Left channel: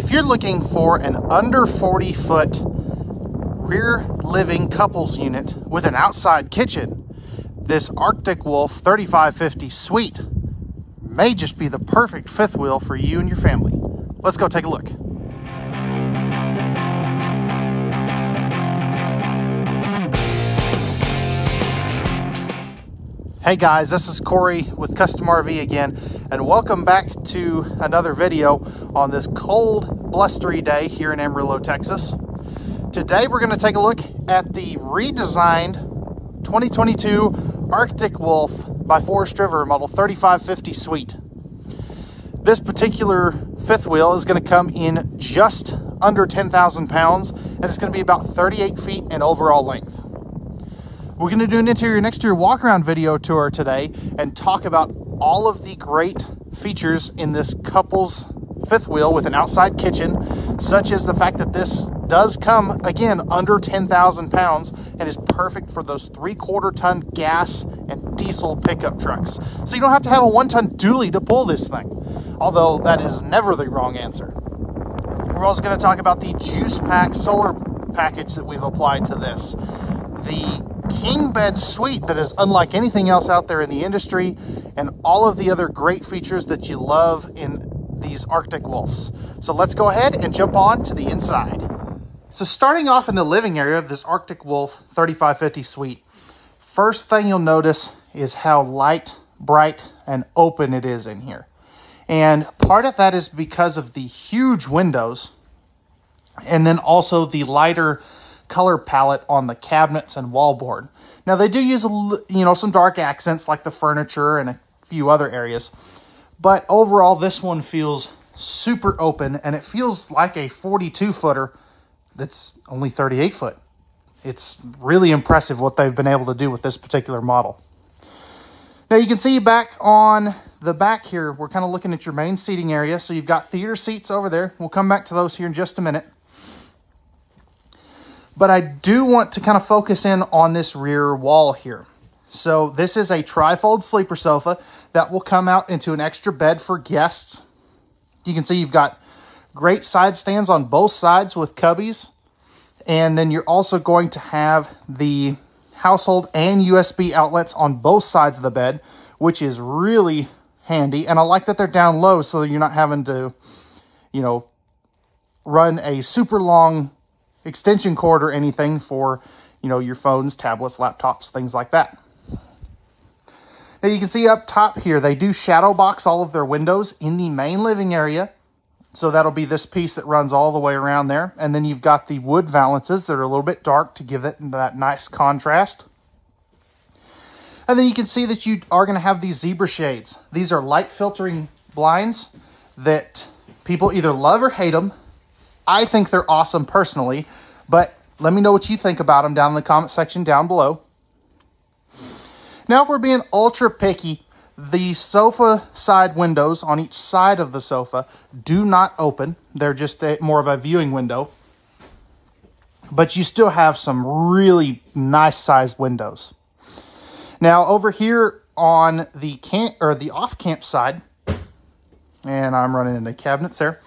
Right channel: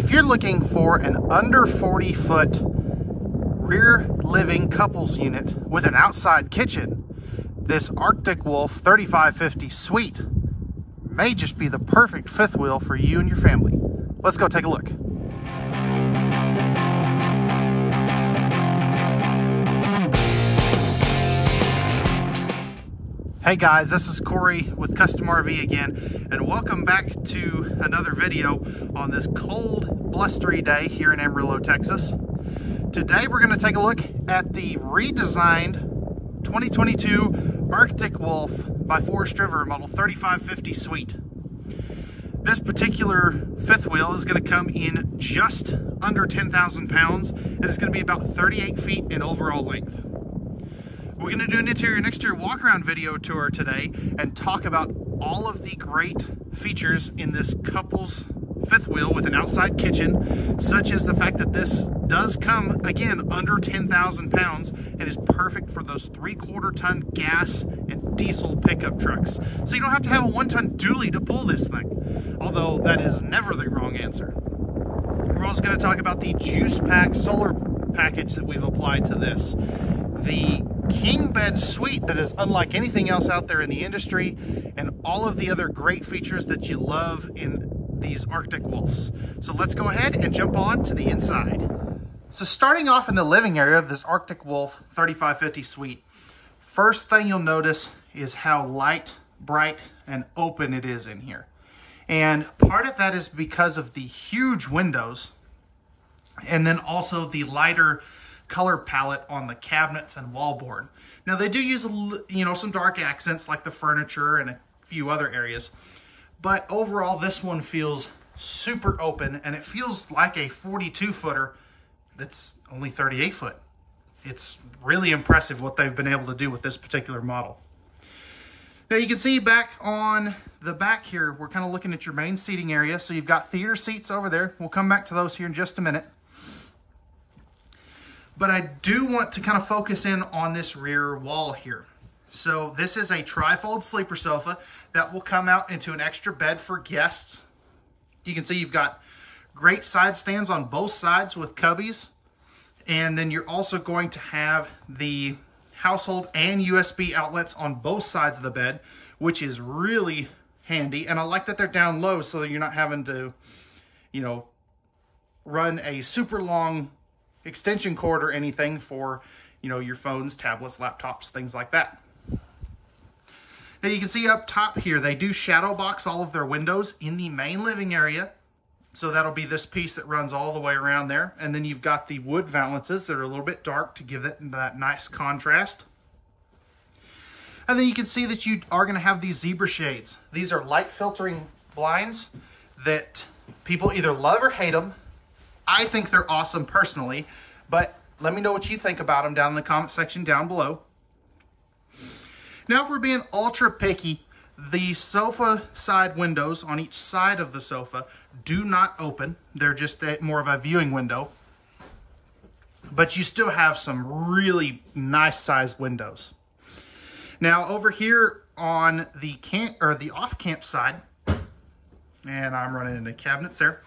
If you're looking for an under 40-foot rear living couples unit with an outside kitchen, this Arctic Wolf 3550 Suite may just be the perfect fifth wheel for you and your family. Let's go take a look. Hey guys, this is Corey with Custom RV again, and welcome back to another video on this cold, blustery day here in Amarillo, Texas. Today we're going to take a look at the redesigned 2022 Arctic Wolf by Forest River model 3550 Suite. This particular fifth wheel is going to come in just under 10,000 pounds, and it's going to be about 38 feet in overall length. We're going to do an interior and exterior walk-around video tour today and talk about all of the great features in this couple's fifth wheel with an outside kitchen, such as the fact that this does come, again, under 10,000 pounds and is perfect for those 3/4 ton gas and diesel pickup trucks. So you don't have to have a 1-ton dually to pull this thing, although that is never the wrong answer. We're also going to talk about the Juice Pack solar package that we've applied to this. The king bed suite that is unlike anything else out there in the industry, and all of the other great features that you love in these Arctic Wolves. So let's go ahead and jump on to the inside. So starting off in the living area of this Arctic Wolf 3550 Suite, first thing you'll notice is how light, bright, and open it is in here. And part of that is because of the huge windows, and then also the lighter color palette on the cabinets and wallboard. Now they do use some dark accents like the furniture and a few other areas, but overall this one feels super open, and it feels like a 42-footer that's only 38 foot. It's really impressive what they've been able to do with this particular model. Now you can see back on the back here, we're kind of looking at your main seating area. So you've got theater seats over there. We'll come back to those here in just a minute. But I do want to kind of focus in on this rear wall here. So this is a tri-fold sleeper sofa that will come out into an extra bed for guests. You can see you've got great side stands on both sides with cubbies. And then you're also going to have the household and USB outlets on both sides of the bed, which is really handy. And I like that they're down low so that you're not having to, run a super long extension cord or anything for, your phones, tablets, laptops, things like that. Now you can see up top here, they do shadow box all of their windows in the main living area. So that'll be this piece that runs all the way around there. And then you've got the wood valances that are a little bit dark to give it that nice contrast. And then you can see that you are going to have these zebra shades. These are light filtering blinds that people either love or hate them. I think they're awesome personally, but let me know what you think about them down in the comment section down below. Now, if we're being ultra picky, the sofa side windows on each side of the sofa do not open. They're just more of a viewing window. But you still have some really nice sized windows. Now, over here on the off-camp side, and I'm running into cabinets there,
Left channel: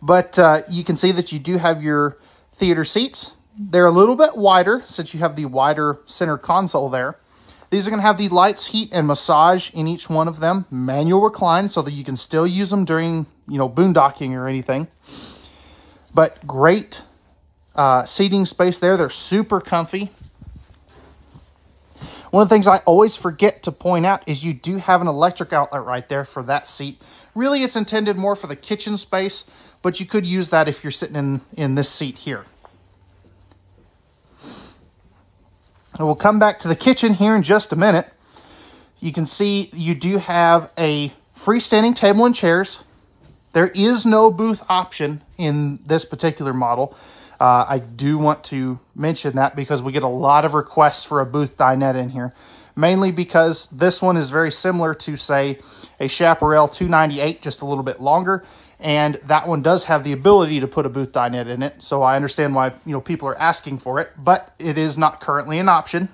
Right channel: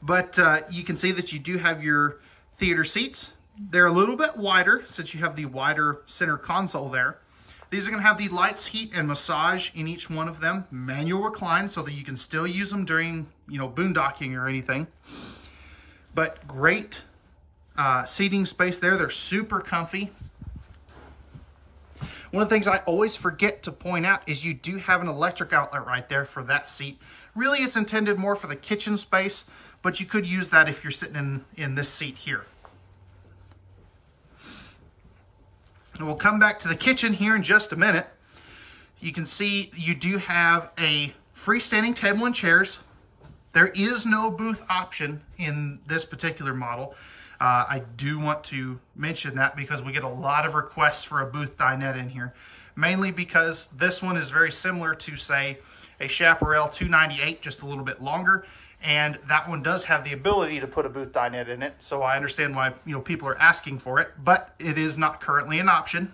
but you can see that you do have your theater seats. They're a little bit wider since you have the wider center console there. These are going to have the lights, heat, and massage in each one of them. Manual recline so that you can still use them during, boondocking or anything. But great seating space there. They're super comfy. One of the things I always forget to point out is you do have an electric outlet right there for that seat. Really, it's intended more for the kitchen space, but you could use that if you're sitting in this seat here. And we'll come back to the kitchen here in just a minute. You can see you do have a freestanding table and chairs. There is no booth option in this particular model. I do want to mention that because we get a lot of requests for a booth dinette in here, mainly because this one is very similar to, say, a Chaparral 298, just a little bit longer. And that one does have the ability to put a booth dinette in it. So I understand why, people are asking for it, but it is not currently an option.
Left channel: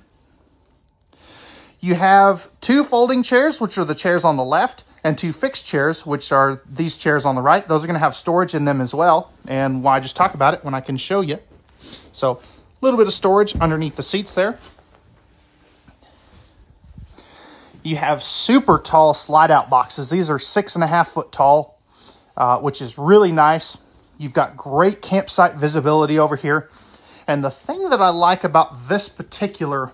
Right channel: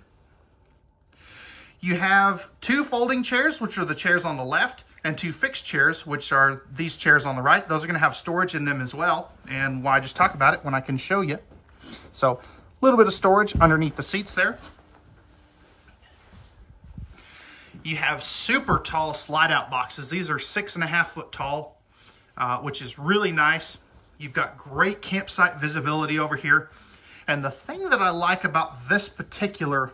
You have two folding chairs, which are the chairs on the left, And 2 fixed chairs, which are these chairs on the right. Those are going to have storage in them as well. And why just talk about it when I can show you. So a little bit of storage underneath the seats there. You have super tall slide out boxes. These are 6.5 foot tall, which is really nice. You've got great campsite visibility over here. And the thing that I like about this particular,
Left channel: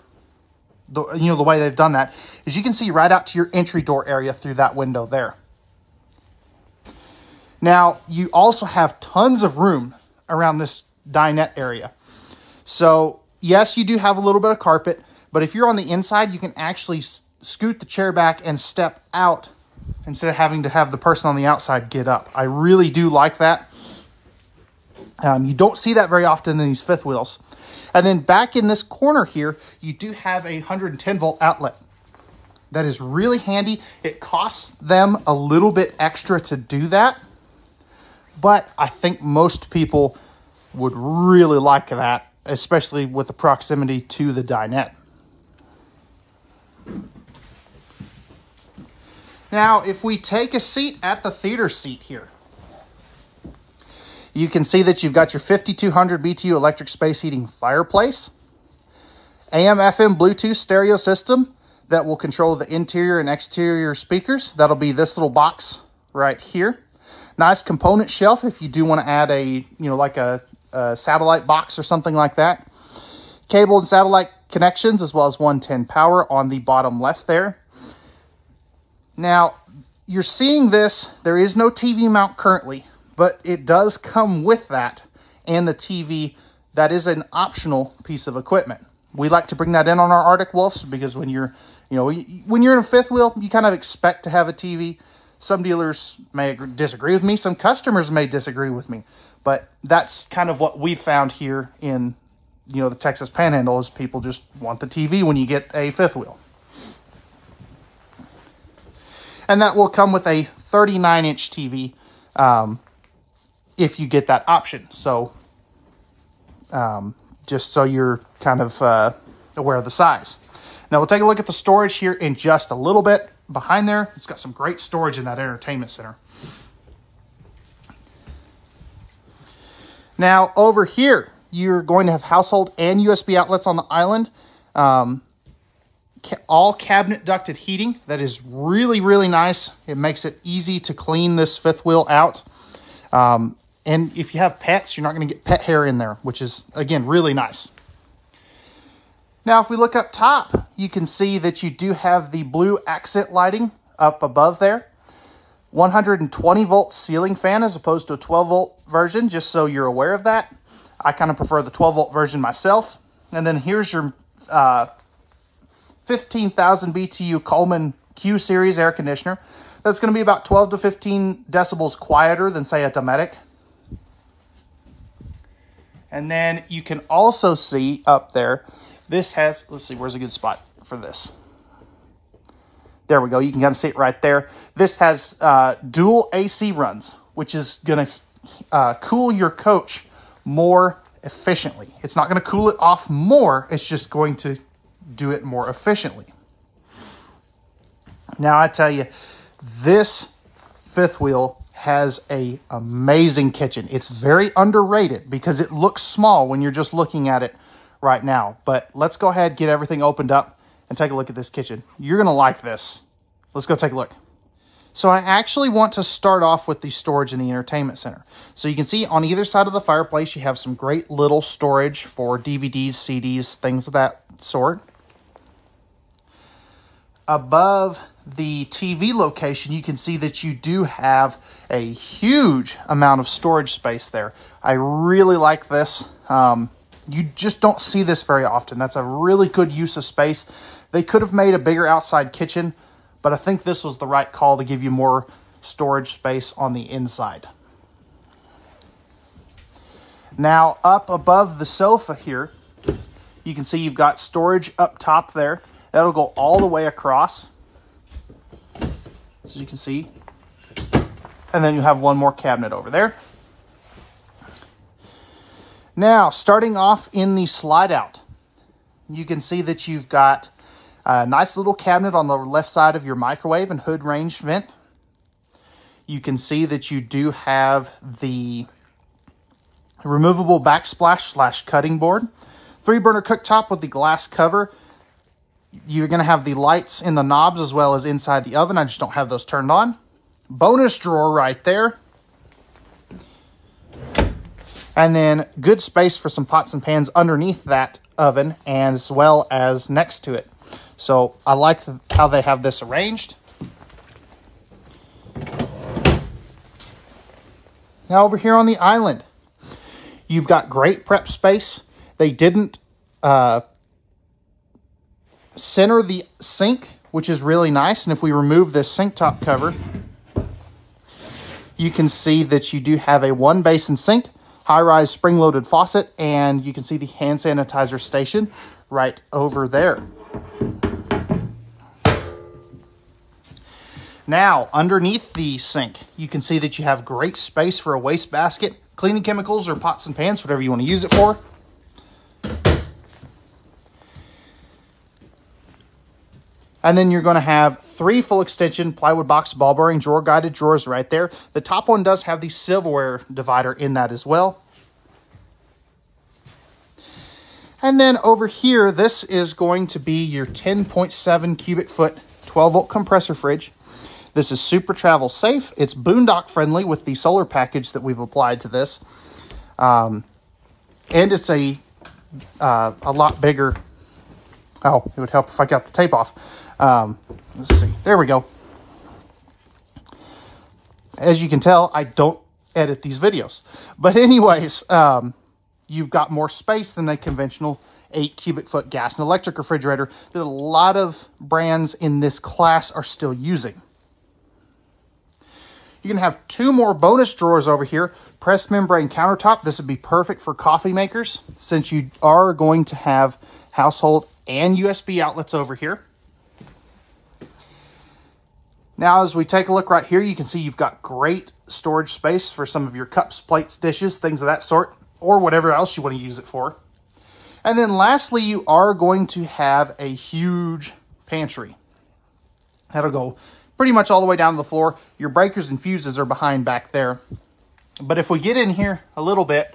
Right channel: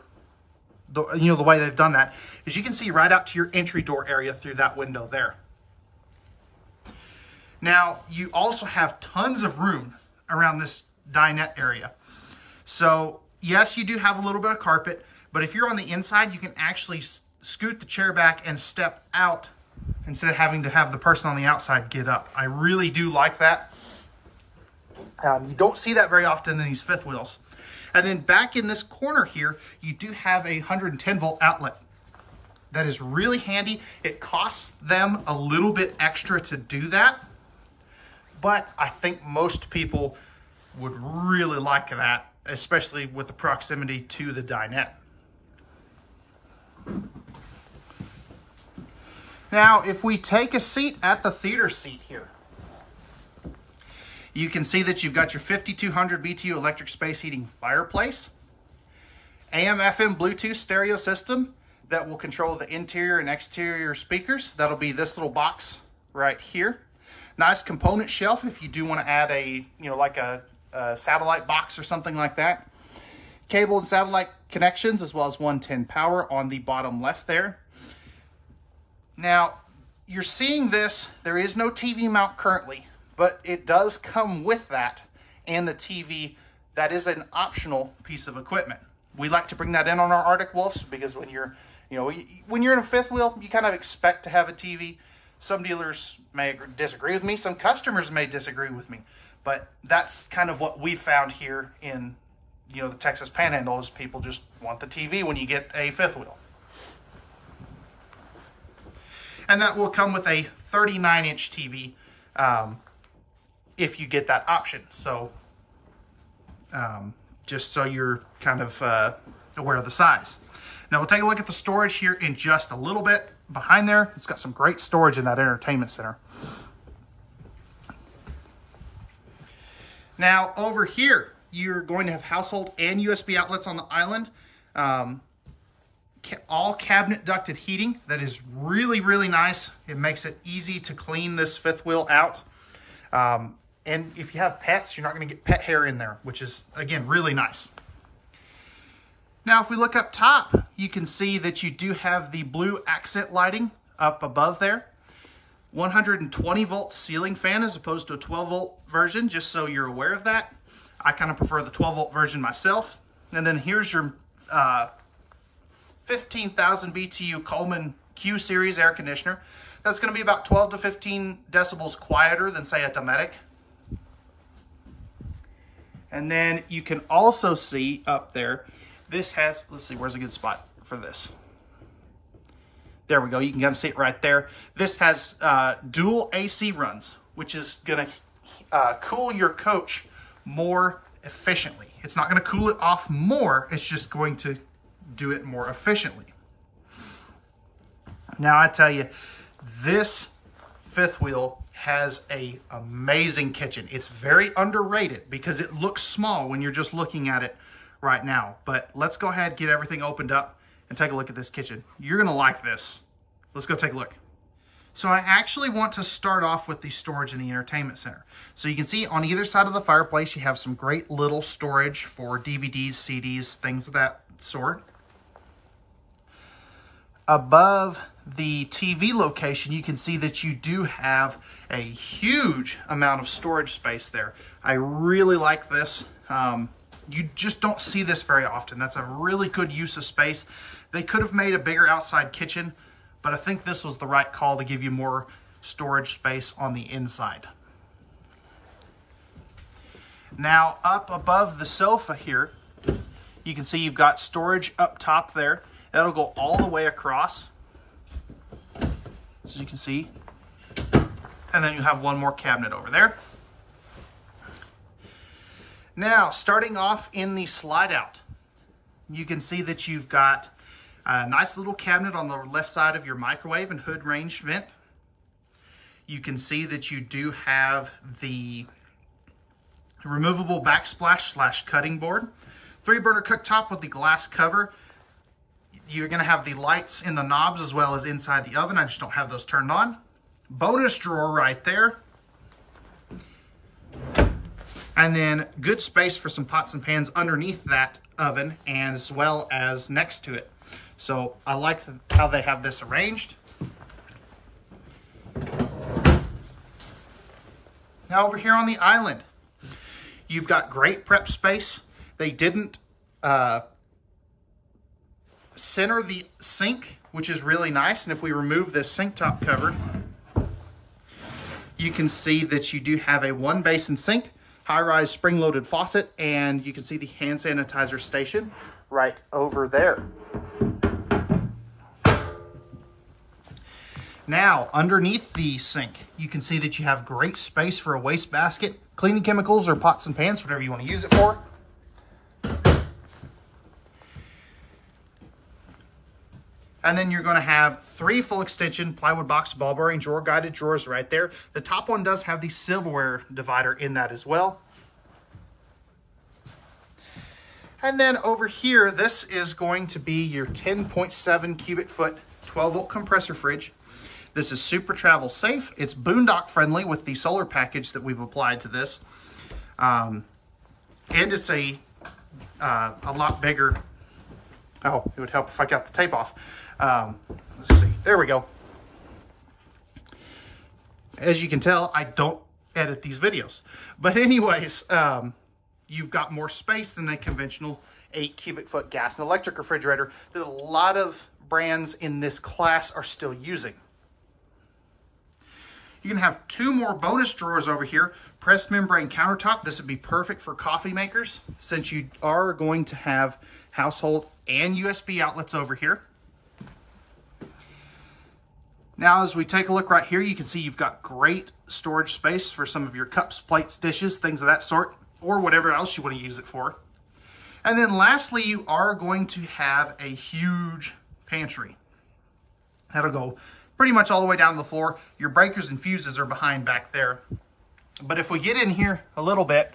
the way they've done that, is you can see right out to your entry door area through that window there. Now, you also have tons of room around this dinette area. So, yes, you do have a little bit of carpet, but if you're on the inside, you can actually scoot the chair back and step out instead of having to have the person on the outside get up. I really do like that. You don't see that very often in these fifth wheels. And then back in this corner here, you do have a 110 volt outlet. That is really handy. It costs them a little bit extra to do that, but I think most people would really like that, especially with the proximity to the dinette. Now, if we take a seat at the theater seat here, you can see that you've got your 5200 BTU electric space heating fireplace, AM, FM, Bluetooth stereo system that will control the interior and exterior speakers. That'll be this little box right here. Nice component shelf if you do want to add a, like a satellite box or something like that. Cable and satellite connections, as well as 110 power on the bottom left there. Now, you're seeing this. There is no TV mount currently, but it does come with that and the TV. That is an optional piece of equipment. We like to bring that in on our Arctic Wolves because when you're in a fifth wheel, you kind of expect to have a TV. Some dealers may disagree with me. Some customers may disagree with me. But that's kind of what we found here in, the Texas Panhandle, is people just want the TV when you get a fifth wheel. And that will come with a 39-inch TV if you get that option. So just so you're kind of aware of the size. Now we'll take a look at the storage here in just a little bit. Behind there, it's got some great storage in that entertainment center. Now over here, you're going to have household and USB outlets on the island. All cabinet ducted heating. That is really, really nice. It makes it easy to clean this fifth wheel out. And if you have pets, you're not going to get pet hair in there, which is, again, really nice. Now, if we look up top, you can see that you do have the blue accent lighting up above there. 120 volt ceiling fan as opposed to a 12 volt version, just so you're aware of that. I kind of prefer the 12 volt version myself. And then here's your 15,000 BTU Coleman Q series air conditioner. That's going to be about 12 to 15 decibels quieter than, say, a Dometic. And then you can also see up there, this has, let's see, where's a good spot for this? There we go. You can kind of see it right there. This has dual AC runs, which is going to cool your coach more efficiently. It's not going to cool it off more. It's just going to do it more efficiently. Now, I tell you, this fifth wheel has an amazing kitchen. It's very underrated because it looks small when you're just looking at it right now. But let's go ahead, get everything opened up, and take a look at this kitchen. You're going to like this. Let's go take a look. So I actually want to start off with the storage in the entertainment center. So you can see on either side of the fireplace, you have some great little storage for DVDs, CDs, things of that sort. Above the TV location, you can see that you do have a huge amount of storage space there. I really like this. You just don't see this very often. That's a really good use of space. They could have made a bigger outside kitchen, but I think this was the right call to give you more storage space on the inside. Now, up above the sofa here, you can see you've got storage up top there. That'll go all the way across, as you can see. And then you have one more cabinet over there. Now, starting off in the slide out, you can see that you've got a nice little cabinet on the left side of your microwave and hood range vent. You can see that you do have the removable backsplash / cutting board. 3-burner cooktop with the glass cover. You're going to have the lights in the knobs as well as inside the oven. I just don't have those turned on. Bonus drawer right there. And then good space for some pots and pans underneath that oven and as well as next to it. So I like how they have this arranged. Now over here on the island, you've got great prep space. They didn't center the sink, which is really nice. And if we remove this sink top cover, you can see that you do have a 1-basin sink, high-rise spring-loaded faucet, and you can see the hand sanitizer station right over there. Now, underneath the sink, you can see that you have great space for a wastebasket, cleaning chemicals, or pots and pans, whatever you want to use it for. And then you're going to have 3 full extension plywood box ball bearing drawer guided drawers right there. The top one does have the silverware divider in that as well. And then over here, this is going to be your 10.7 cubic foot 12-volt compressor fridge. This is super travel safe. It's boondock friendly with the solar package that we've applied to this. And it's a lot bigger. Oh, it would help if I got the tape off. Let's see. There we go. As you can tell, I don't edit these videos. But anyways, you've got more space than a conventional 8 cubic foot gas and electric refrigerator that a lot of brands in this class are still using. You're going to have 2 more bonus drawers over here. Pressed membrane countertop. This would be perfect for coffee makers since you are going to have household and USB outlets over here. Now, as we take a look right here, you can see you've got great storage space for some of your cups, plates, dishes, things of that sort, or whatever else you want to use it for. And then lastly, you are going to have a huge pantry. That'll go pretty much all the way down to the floor. Your breakers and fuses are behind back there. But if we get in here a little bit,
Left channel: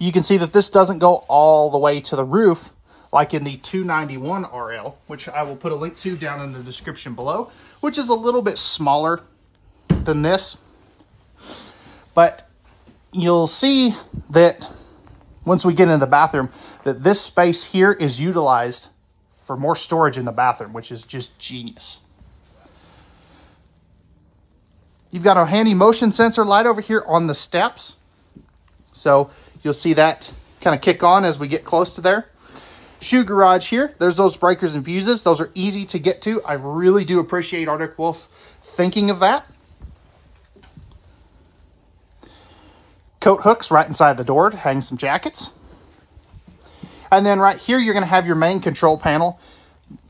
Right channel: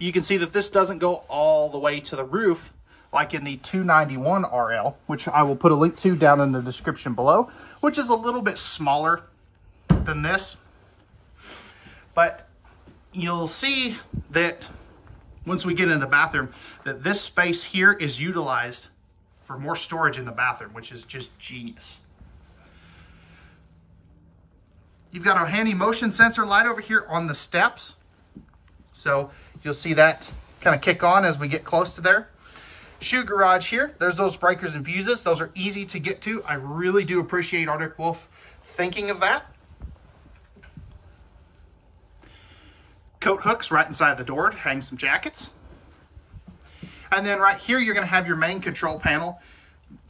you can see that this doesn't go all the way to the roof like in the 291 RL, which I will put a link to down in the description below, which is a little bit smaller than this. But you'll see that once we get into the bathroom, that this space here is utilized for more storage in the bathroom, which is just genius. You've got a handy motion sensor light over here on the steps. So you'll see that kind of kick on as we get close to there. Shoe garage here. There's those breakers and fuses. Those are easy to get to. I really do appreciate Arctic Wolf thinking of that. Coat hooks right inside the door to hang some jackets. And then right here, you're going to have your main control panel.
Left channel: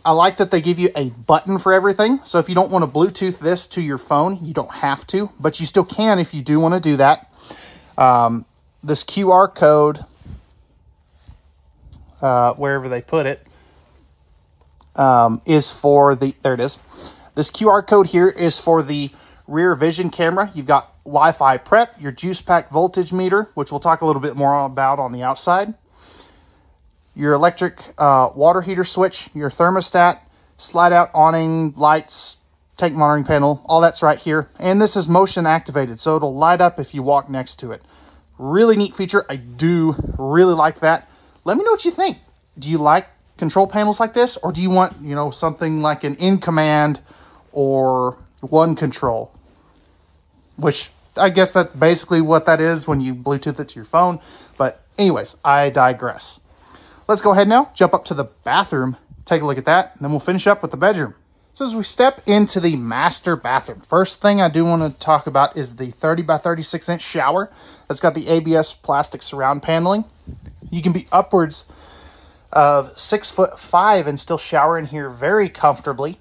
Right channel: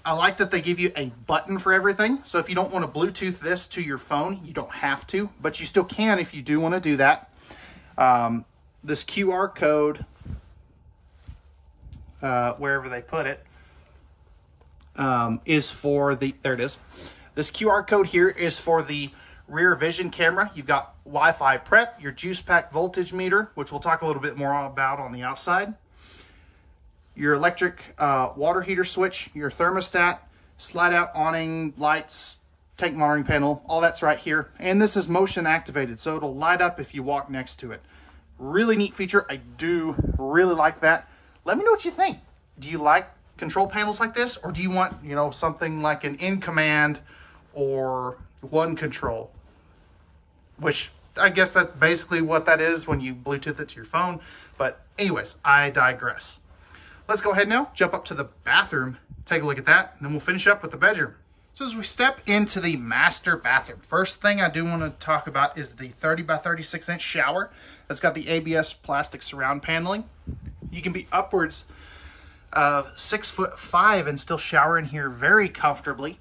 I like that they give you a button for everything. So if you don't want to Bluetooth this to your phone, you don't have to, but you still can if you do want to do that. This QR code, wherever they put it, is for the, there it is. This QR code here is for the rear vision camera. You've got Wi-Fi prep, your juice pack voltage meter, which we'll talk a little bit more about on the outside. Your electric water heater switch, your thermostat, slide out awning, lights, tank monitoring panel, all that's right here. And this is motion activated, so it'll light up if you walk next to it. Really neat feature. I do really like that. Let me know what you think. Do you like control panels like this, or do you want, you know, something like an in command or one control? Which I guess that's basically what that is when you Bluetooth it to your phone. But anyways, I digress. Let's go ahead now, jump up to the bathroom, take a look at that, and then we'll finish up with the bedroom. So as we step into the master bathroom, first thing I do want to talk about is the 30 by 36 inch shower. That's got the ABS plastic surround paneling. You can be upwards of 6'5" and still shower in here very comfortably.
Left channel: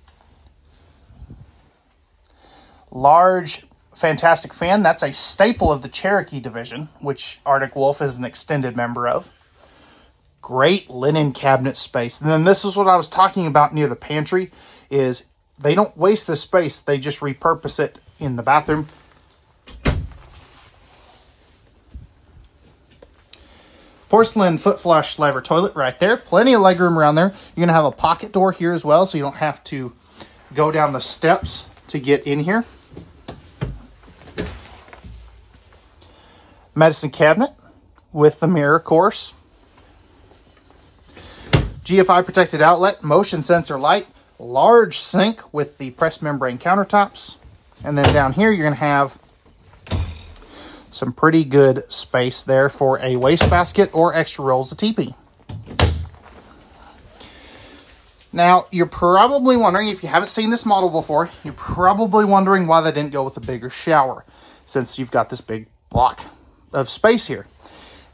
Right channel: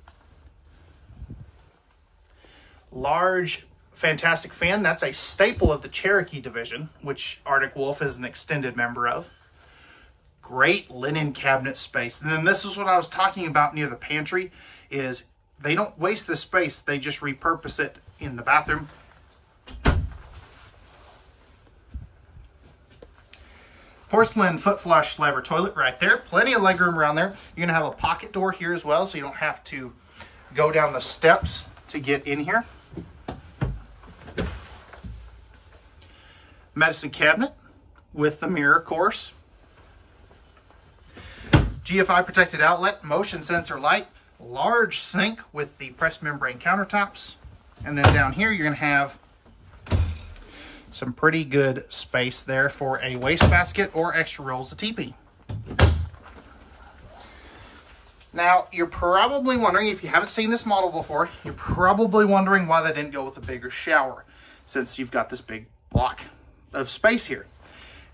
Large, fantastic fan. That's a staple of the Cherokee division, which Arctic Wolf is an extended member of. Great linen cabinet space. And then this is what I was talking about near the pantry, is they don't waste this space. They just repurpose it in the bathroom. Porcelain foot flush lever toilet right there. Plenty of legroom around there. You're going to have a pocket door here as well, so you don't have to go down the steps to get in here. Medicine cabinet with the mirror, of course. GFI protected outlet, motion sensor light, large sink with the pressed membrane countertops. And then down here, you're going to have some pretty good space there for a wastebasket or extra rolls of TP. Now, you're probably wondering, if you haven't seen this model before, you're probably wondering why they didn't go with a bigger shower, since you've got this big block of space here.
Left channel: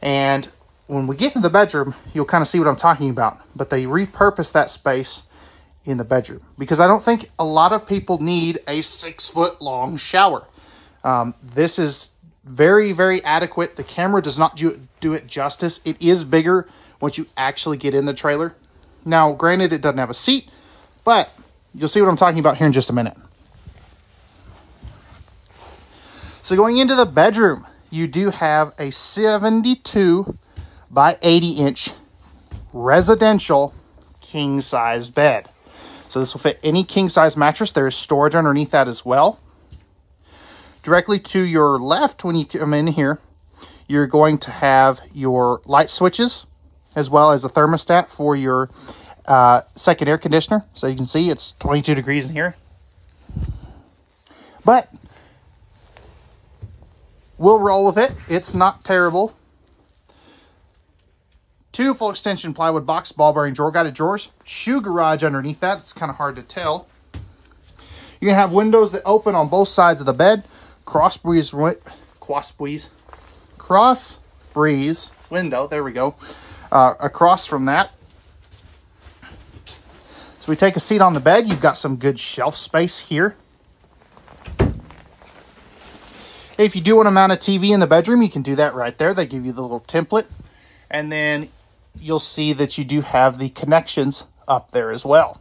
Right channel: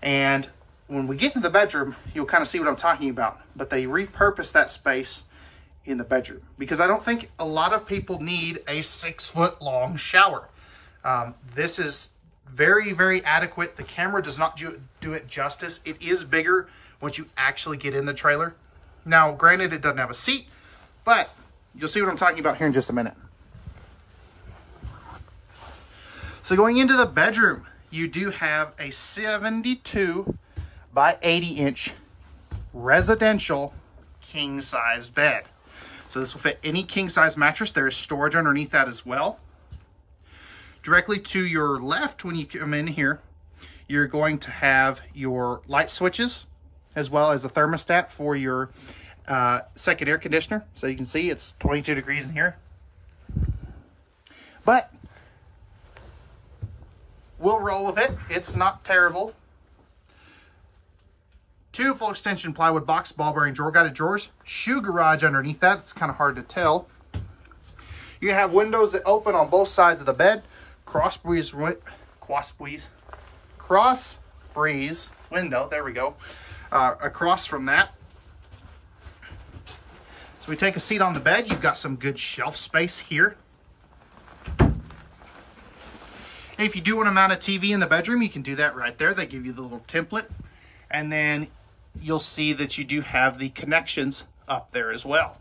And when we get to the bedroom, you'll kind of see what I'm talking about. But they repurposed that space in the bedroom, because I don't think a lot of people need a 6-foot long shower. This is very, very adequate. The camera does not do it justice. It is bigger once you actually get in the trailer. Now, granted, it doesn't have a seat, but you'll see what I'm talking about here in just a minute. So going into the bedroom, you do have a 72 by 80 inch residential king size bed. So this will fit any king size mattress. There is storage underneath that as well. Directly to your left, when you come in here, you're going to have your light switches as well as a thermostat for your second air conditioner. So you can see it's 22 degrees in here. But we'll roll with it. It's not terrible. 2 full extension plywood box, ball bearing drawer guided drawers, shoe garage underneath that. It's kind of hard to tell. You're gonna have windows that open on both sides of the bed. Cross breeze window. There we go. Across from that. So we take a seat on the bed. You've got some good shelf space here. If you do want to mount a TV in the bedroom, you can do that right there. They give you the little template. And then you'll see that you do have the connections up there as well.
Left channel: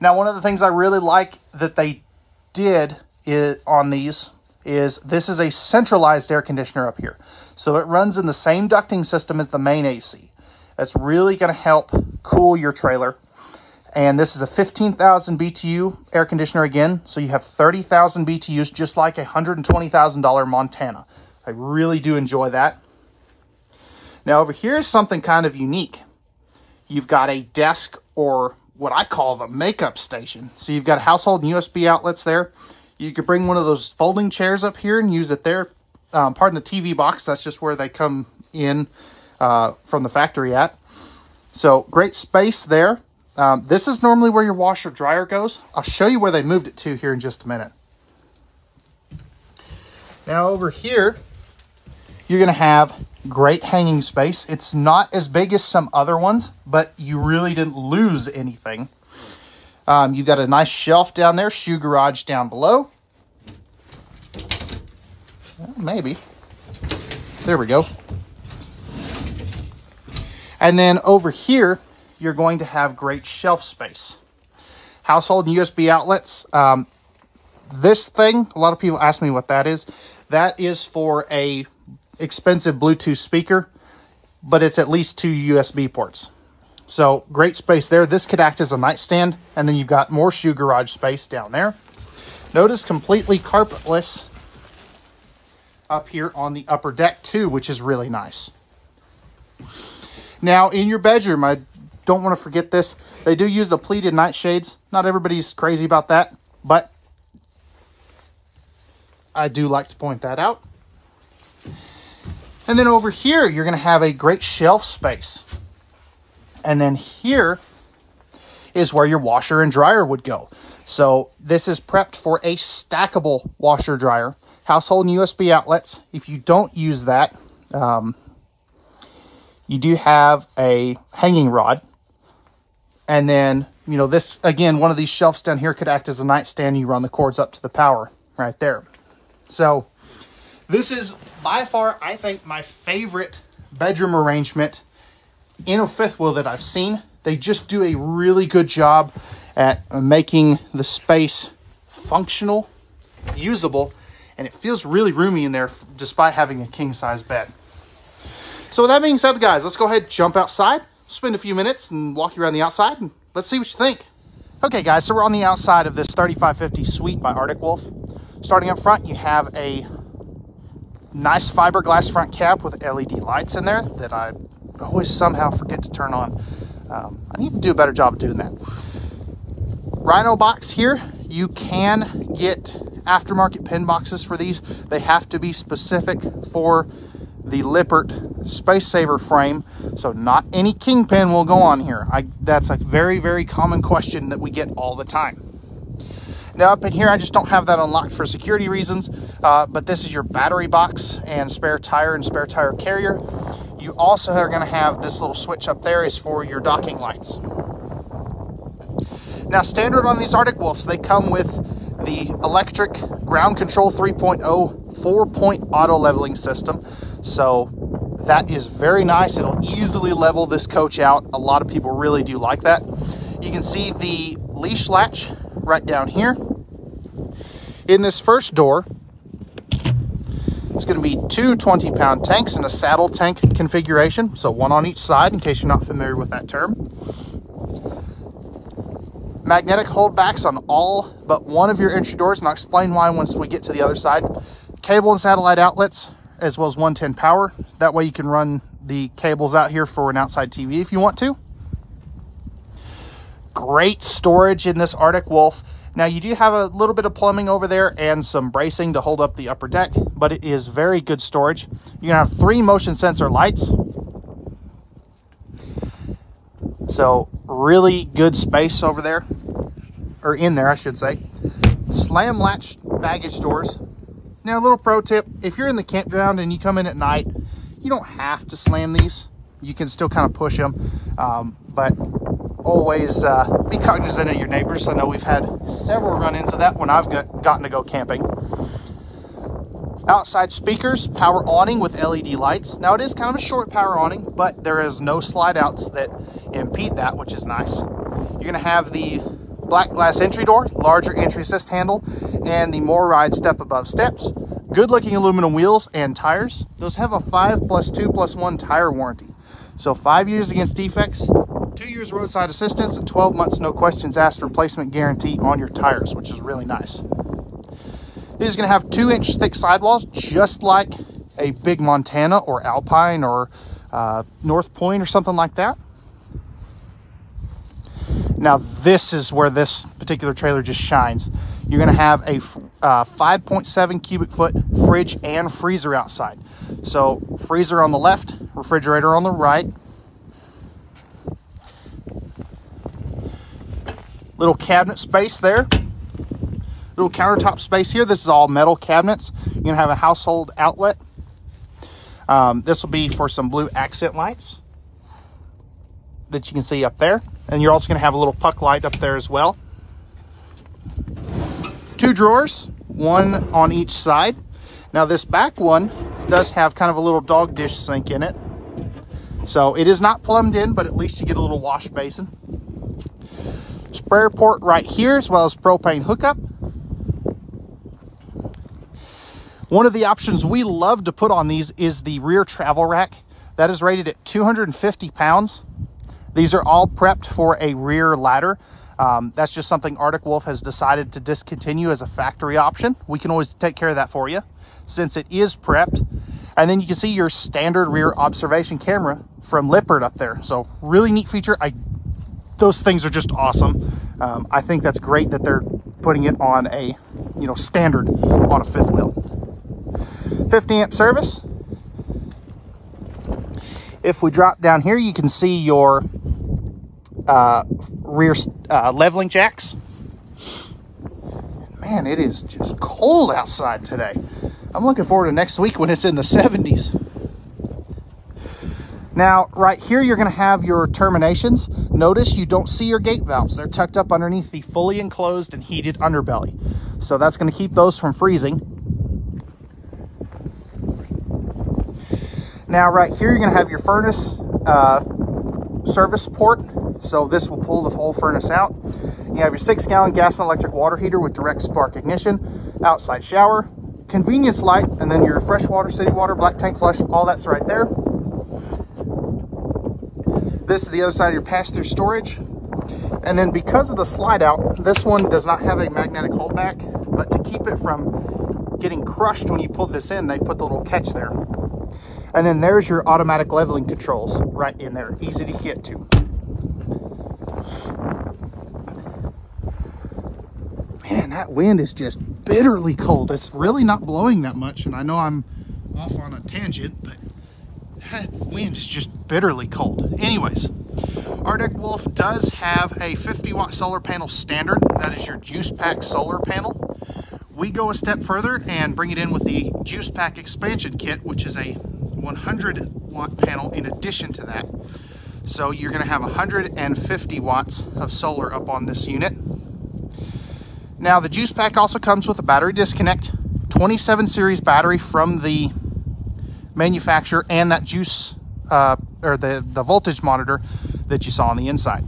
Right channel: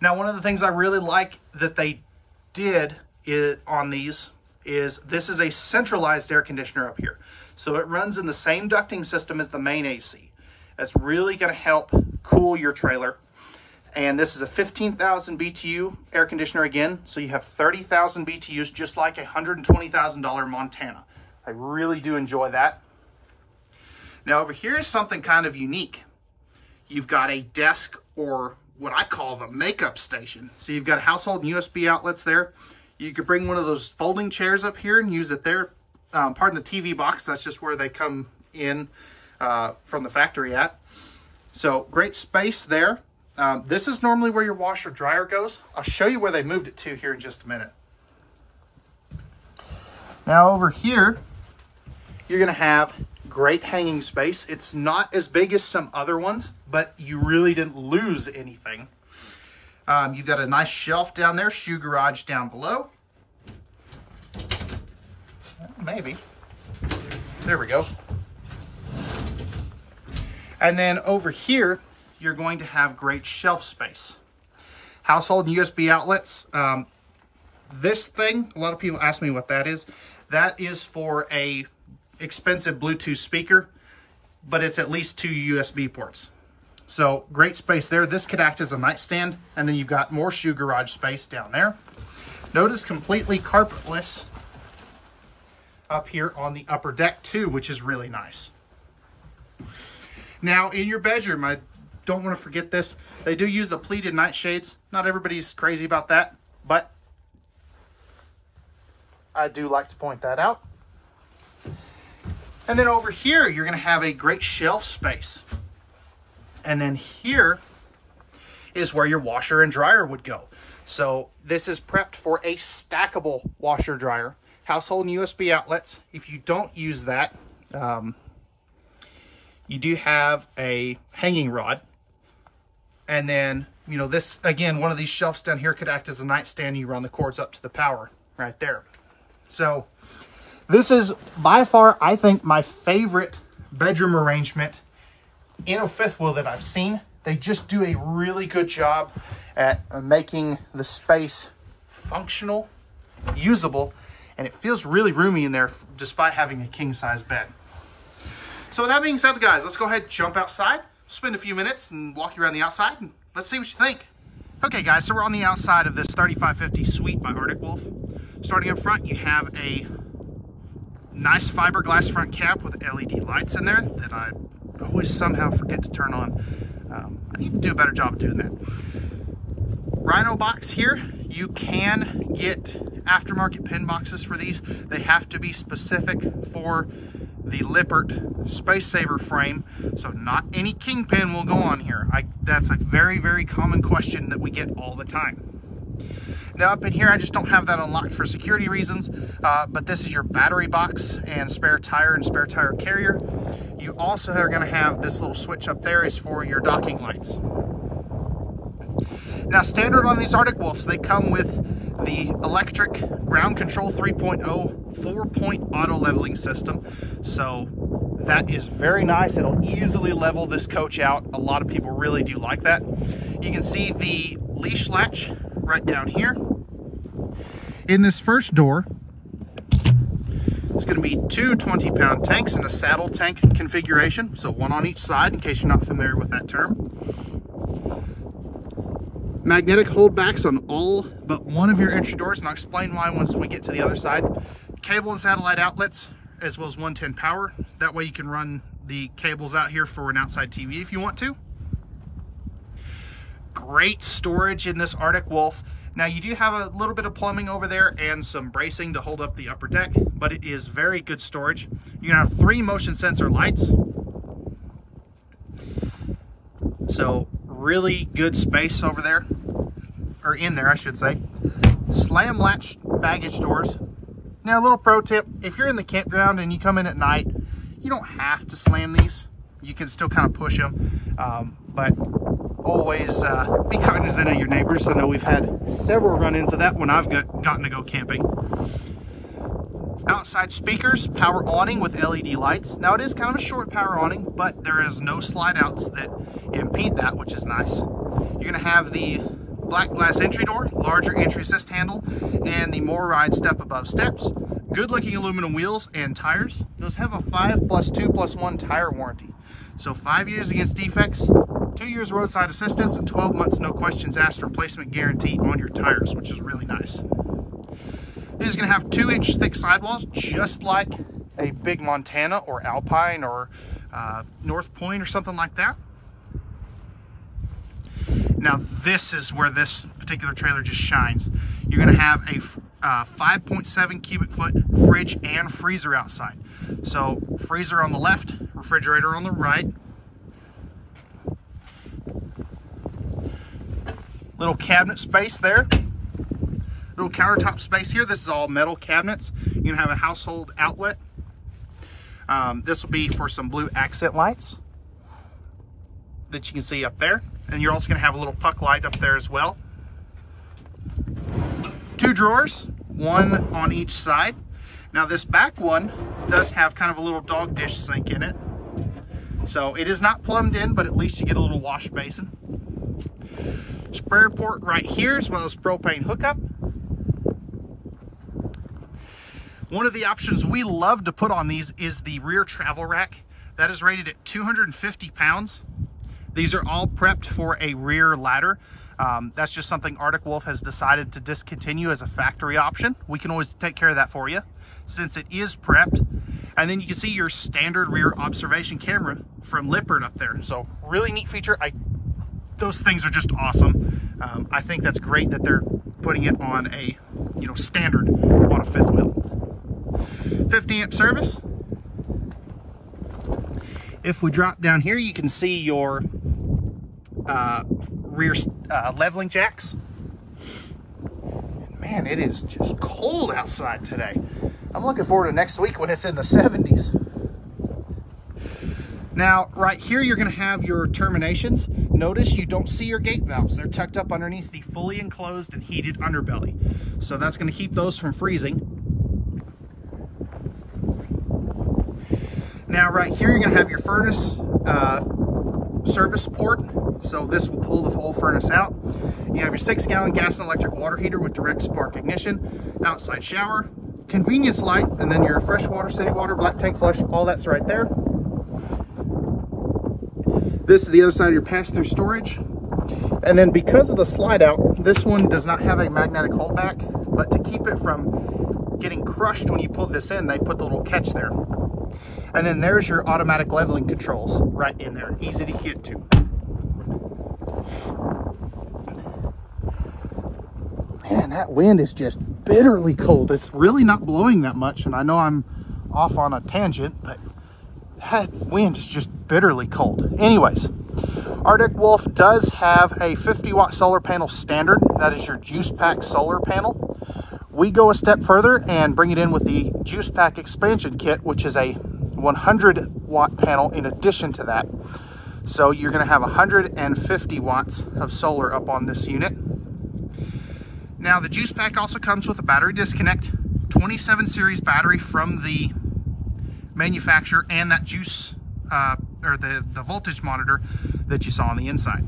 Now, one of the things I really like that they did on these is this is a centralized air conditioner up here. So it runs in the same ducting system as the main AC. That's really going to help cool your trailer. And this is a 15,000 BTU air conditioner again. So you have 30,000 BTUs, just like a $120,000 Montana. I really do enjoy that. Now over here is something kind of unique. You've got a desk, or what I call the makeup station. So you've got household and USB outlets there. You could bring one of those folding chairs up here and use it there. Pardon the TV box, that's just where they come in from the factory at. So great space there. This is normally where your washer dryer goes. I'll show you where they moved it to here in just a minute. Now over here, you're going to have great hanging space. It's not as big as some other ones, but you really didn't lose anything. You've got a nice shelf down there, shoe garage down below. Maybe. There we go. And then over here, you're going to have great shelf space. Household and USB outlets. This thing, a lot of people ask me what that is. That is for a expensive Bluetooth speaker, but it's at least 2 USB ports. So great space there. This could act as a nightstand, and then you've got more shoe garage space down there. Notice completely carpetless up here on the upper deck too, which is really nice. Now in your bedroom, I don't want to forget this. They do use the pleated nightshades. Not everybody's crazy about that, but I do like to point that out. And then over here, you're going to have a great shelf space. And then here is where your washer and dryer would go. So this is prepped for a stackable washer dryer. Household and USB outlets. If you don't use that, you do have a hanging rod. And then, you know, this, again, one of these shelves down here could act as a nightstand. You run the cords up to the power right there. So this is by far, I think, my favorite bedroom arrangement in a fifth wheel that I've seen. They just do a really good job at making the space functional, usable, and it feels really roomy in there despite having a king-size bed. So with that being said, guys, let's go ahead and jump outside, spend a few minutes and walk you around the outside, and let's see what you think. Okay guys, so we're on the outside of this 3550 Suite by Arctic Wolf. Starting up front, you have a nice fiberglass front cap with LED lights in there that I always somehow forget to turn on. I need to do a better job of doing that. Rhino box here, you can get aftermarket pin boxes for these. They have to be specific for the Lippert Space Saver frame, so not any kingpin will go on here. That's a very, very common question that we get all the time. Now up in here, I just don't have that unlocked for security reasons, but this is your battery box and spare tire and spare tire carrier. You also are going to have this little switch up there is for your docking lights. Now standard on these Arctic Wolfs, they come with the electric ground control 3.0 4-point auto leveling system. So that is very nice. It'll easily level this coach out. A lot of people really do like that. You can see the leash latch right down here. In this first door, it's going to be two 20-pound tanks in a saddle tank configuration. So one on each side, in case you're not familiar with that term. Magnetic holdbacks on all but one of your entry doors, and I'll explain why once we get to the other side. Cable and satellite outlets, as well as 110 power. That way you can run the cables out here for an outside TV if you want to. Great storage in this Arctic Wolf. Now you do have a little bit of plumbing over there and some bracing to hold up the upper deck, but it is very good storage. You're gonna have 3 motion sensor lights. So really good space over there, or in there I should say. Slam latch baggage doors. Now a little pro tip, if you're in the campground and you come in at night, you don't have to slam these. You can still kind of push them, but always be cognizant of your neighbors. I know we've had several run-ins of that when I've gotten to go camping. Outside speakers, power awning with LED lights. Now it is kind of a short power awning, but there is no slide outs that impede that, which is nice. You're gonna have the black glass entry door, larger entry assist handle, and the More Ride step above steps. Good looking aluminum wheels and tires. Those have a 5+2+1 tire warranty. So 5 years against defects, 2 years roadside assistance, and 12 months no questions asked replacement guarantee on your tires, which is really nice. This is going to have 2-inch thick sidewalls, just like a big Montana or Alpine or North Point or something like that. Now this is where this particular trailer just shines. You're going to have a 5.7 cubic foot fridge and freezer outside. So freezer on the left, refrigerator on the right. Little cabinet space there. Little countertop space here. This is all metal cabinets. You're gonna have a household outlet. This will be for some blue accent lights that you can see up there. And you're also gonna have a little puck light up there as well. 2 drawers, 1 on each side. Now this back one does have kind of a little dog dish sink in it. So it is not plumbed in, but at least you get a little wash basin. Sprayer port right here, as well as propane hookup. One of the options we love to put on these is the rear travel rack. That is rated at 250 pounds. These are all prepped for a rear ladder. That's just something Arctic Wolf has decided to discontinue as a factory option. We can always take care of that for you since it is prepped. And then you can see your standard rear observation camera from Lippert up there. So really neat feature. Those things are just awesome. I think that's great that they're putting it on a, standard on a 5th wheel. 50 amp service. If we drop down here, you can see your rear leveling jacks. Man, it is just cold outside today. I'm looking forward to next week when it's in the 70s. Now, right here, you're going to have your terminations. Notice you don't see your gate valves. They're tucked up underneath the fully enclosed and heated underbelly. So that's going to keep those from freezing. Now, right here, you're going to have your furnace service port. So this will pull the whole furnace out. You have your 6-gallon gas and electric water heater with direct spark ignition, outside shower, convenience light, and then your freshwater, city water, black tank flush, all that's right there. This is the other side of your pass-through storage. And then because of the slide out, this one does not have a magnetic holdback, but to keep it from getting crushed when you pull this in, they put the little catch there. And then there's your automatic leveling controls right in there, easy to get to. Man, that wind is just bitterly cold. It's really not blowing that much, and I know I'm off on a tangent, but that wind is just bitterly cold. Anyways, Arctic Wolf does have a 50-watt solar panel standard. That is your juice pack solar panel. We go a step further and bring it in with the juice pack expansion kit, which is a 100-watt panel in addition to that. So you're going to have 150 watts of solar up on this unit. Now the juice pack also comes with a battery disconnect, 27 series battery from the manufacturer, and that juice or the voltage monitor that you saw on the inside.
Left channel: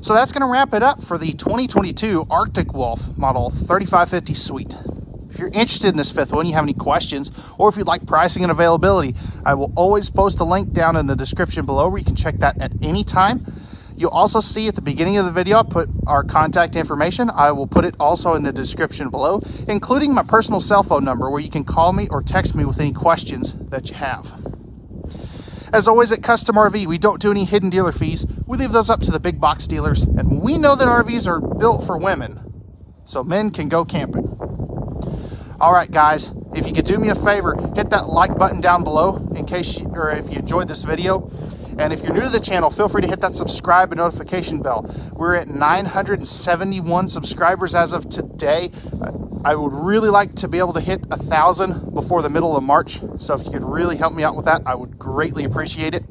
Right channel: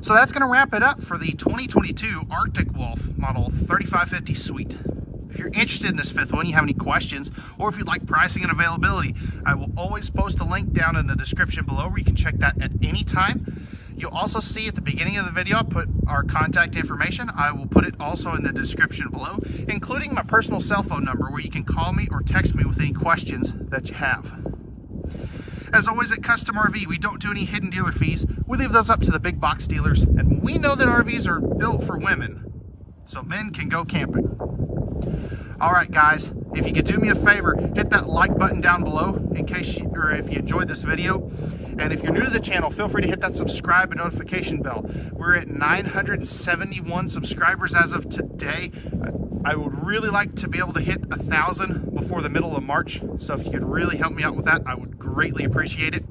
So that's going to wrap it up for the 2022 Arctic Wolf model 3550 Suite. If you're interested in this fifth one, you have any questions, or if you'd like pricing and availability, I will always post a link down in the description below where you can check that at any time. You'll also see at the beginning of the video, I put our contact information. I will put it also in the description below, including my personal cell phone number where you can call me or text me with any questions that you have. As always at Custom RV, we don't do any hidden dealer fees. We leave those up to the big box dealers, and we know that RVs are built for women, so men can go camping. All right, guys, if you could do me a favor, hit that like button down below in case you, or if you enjoyed this video. And if you're new to the channel, feel free to hit that subscribe and notification bell. We're at 971 subscribers as of today. I would really like to be able to hit 1,000 before the middle of March. So if you could really help me out with that, I would greatly appreciate it.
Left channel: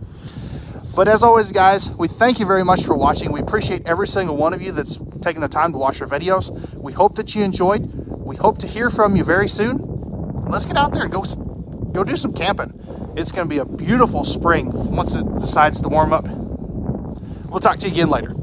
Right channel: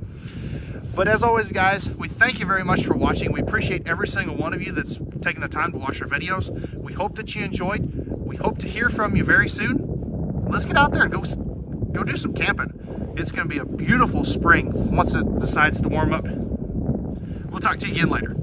But as always, guys, we thank you very much for watching. We appreciate every single one of you that's taking the time to watch our videos. We hope that you enjoyed. We hope to hear from you very soon. Let's get out there and go do some camping. It's going to be a beautiful spring once it decides to warm up. We'll talk to you again later.